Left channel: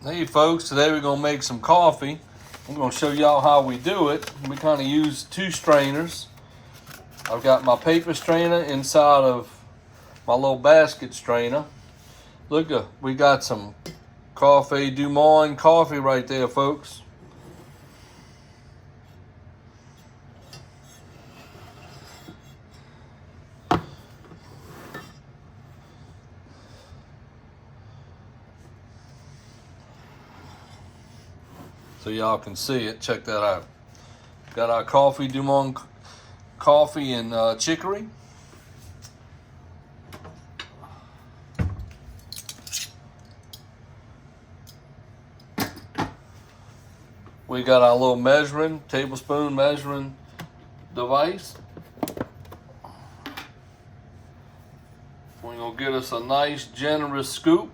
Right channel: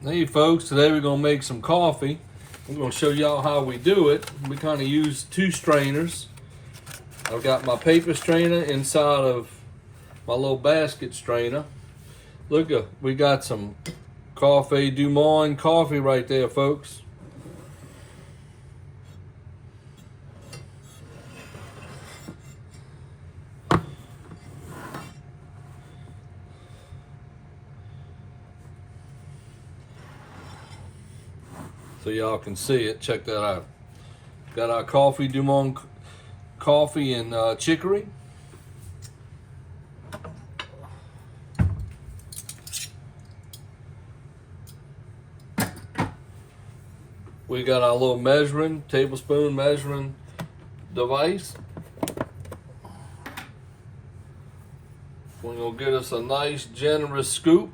Hey folks, today we're gonna make some coffee. I'm gonna show y'all how we do it. We kind of use two strainers. I've got my paper strainer inside of my little basket strainer. Look, we got some Coffee du Monde coffee right there, folks. So y'all can see it. Check that out. Got our Coffee du Monde coffee and chicory. We got our little tablespoon measuring device. We're gonna get us a nice generous scoop.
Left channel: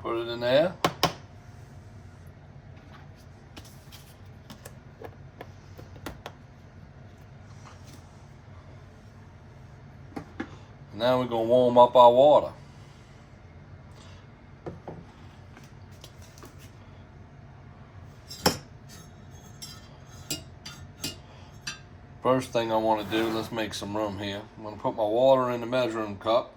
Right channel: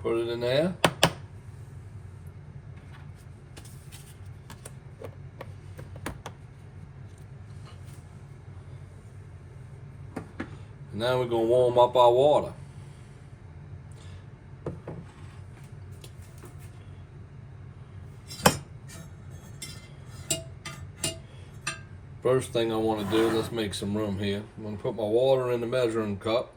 Put it in there. Now we're gonna warm up our water. First thing I want to do, let's make some room here. I'm gonna put my water in the measuring cup.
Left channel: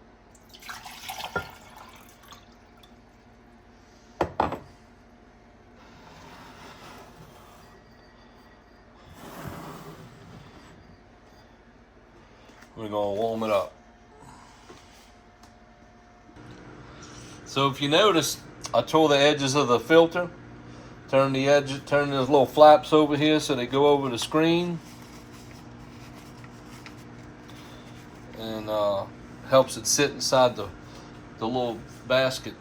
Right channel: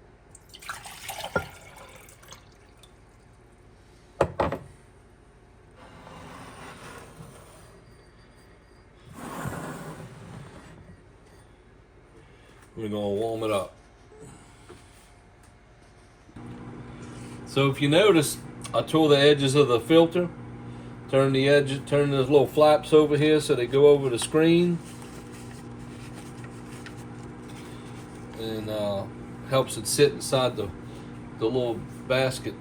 We're gonna warm it up. So if you notice, I tore the edges of the filter. Turn those little flaps over here so they go over the screen. And helps it sit inside the little basket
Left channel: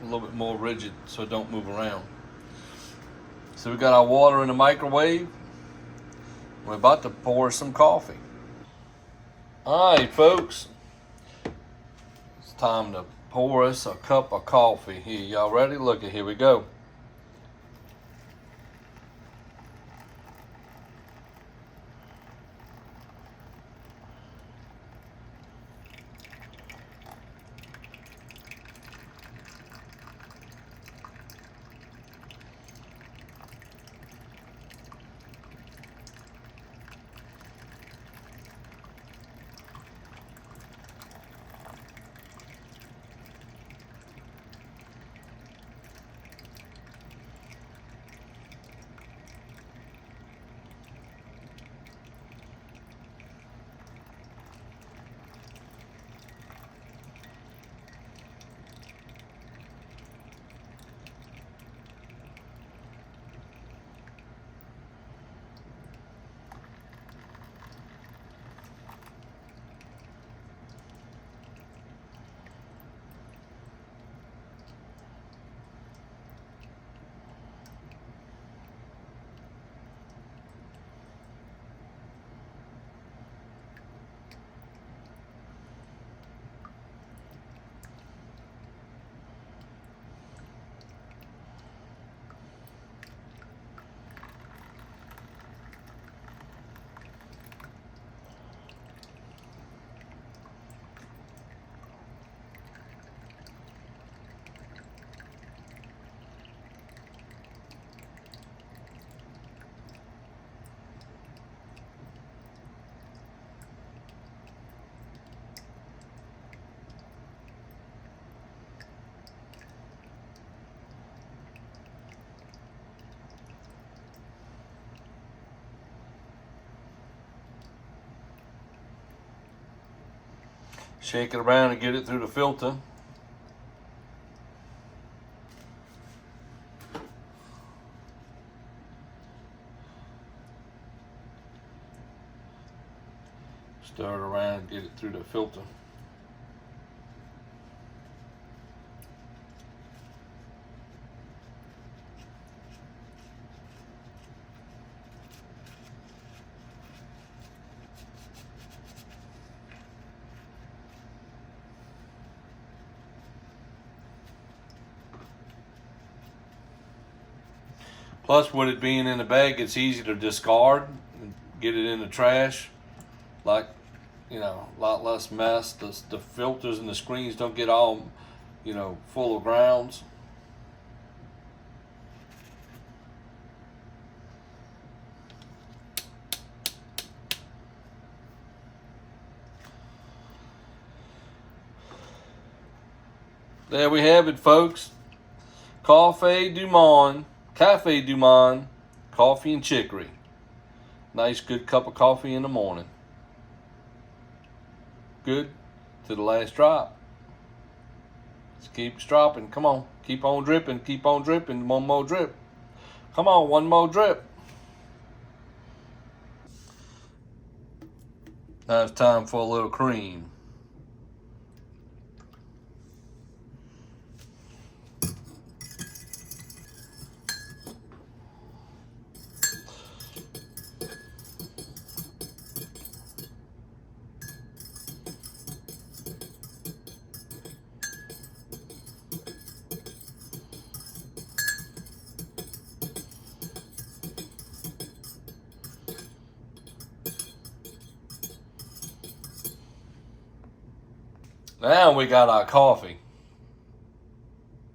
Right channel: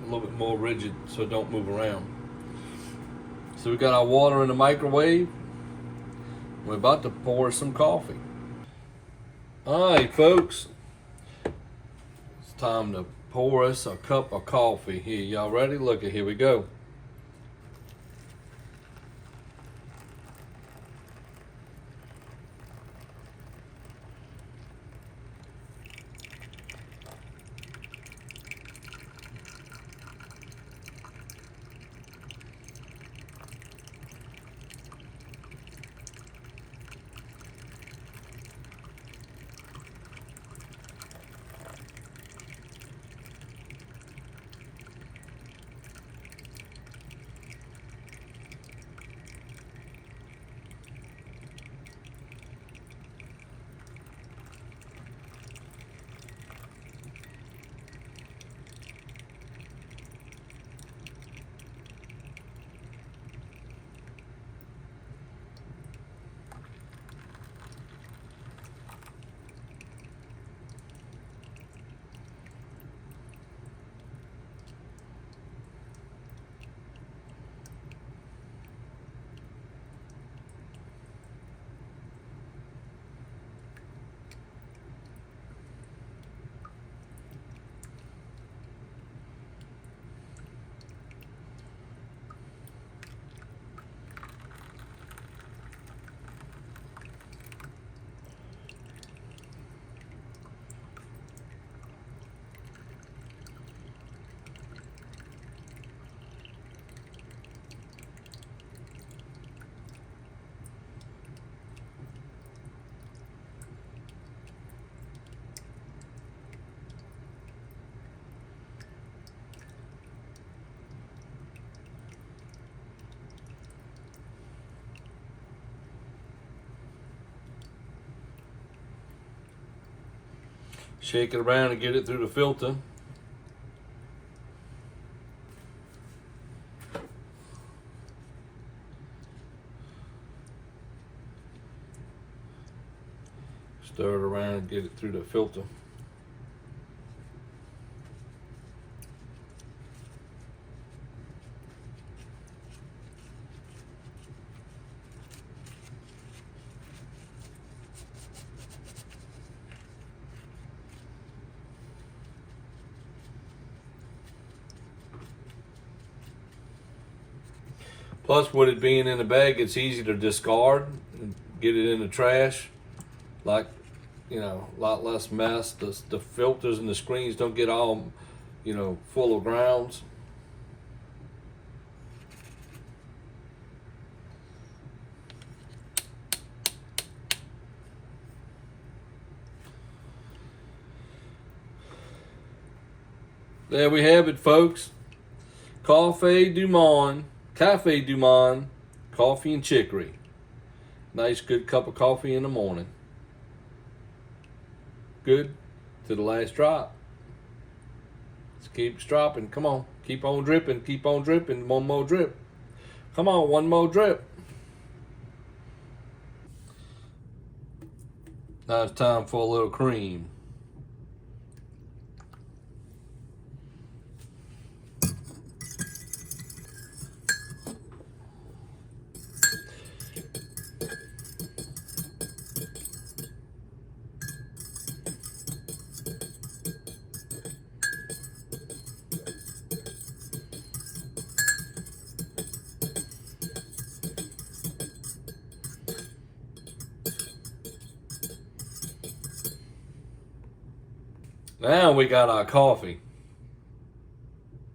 a little bit more rigid so it don't move around. So we got our water in the microwave. We're about to pour some coffee. All right, folks, it's time to pour us a cup of coffee. Here, y'all ready? Look, here we go. Shake it around and get it through the filter. Stir it around and get it through the filter. Plus, with it being in the bag, it's easy to discard and get it in the trash. Like, you know, a lot less mess. The filters and the screens don't get all you know, full of grounds. There we have it, folks. Cafe du Monde, coffee and chicory. Nice, good cup of coffee in the morning. Good to the last drop. Let's keep dropping. Come on, keep on dripping, keep on dripping. One more drip. Come on, one more drip. Now it's time for a little cream. Now we got our coffee.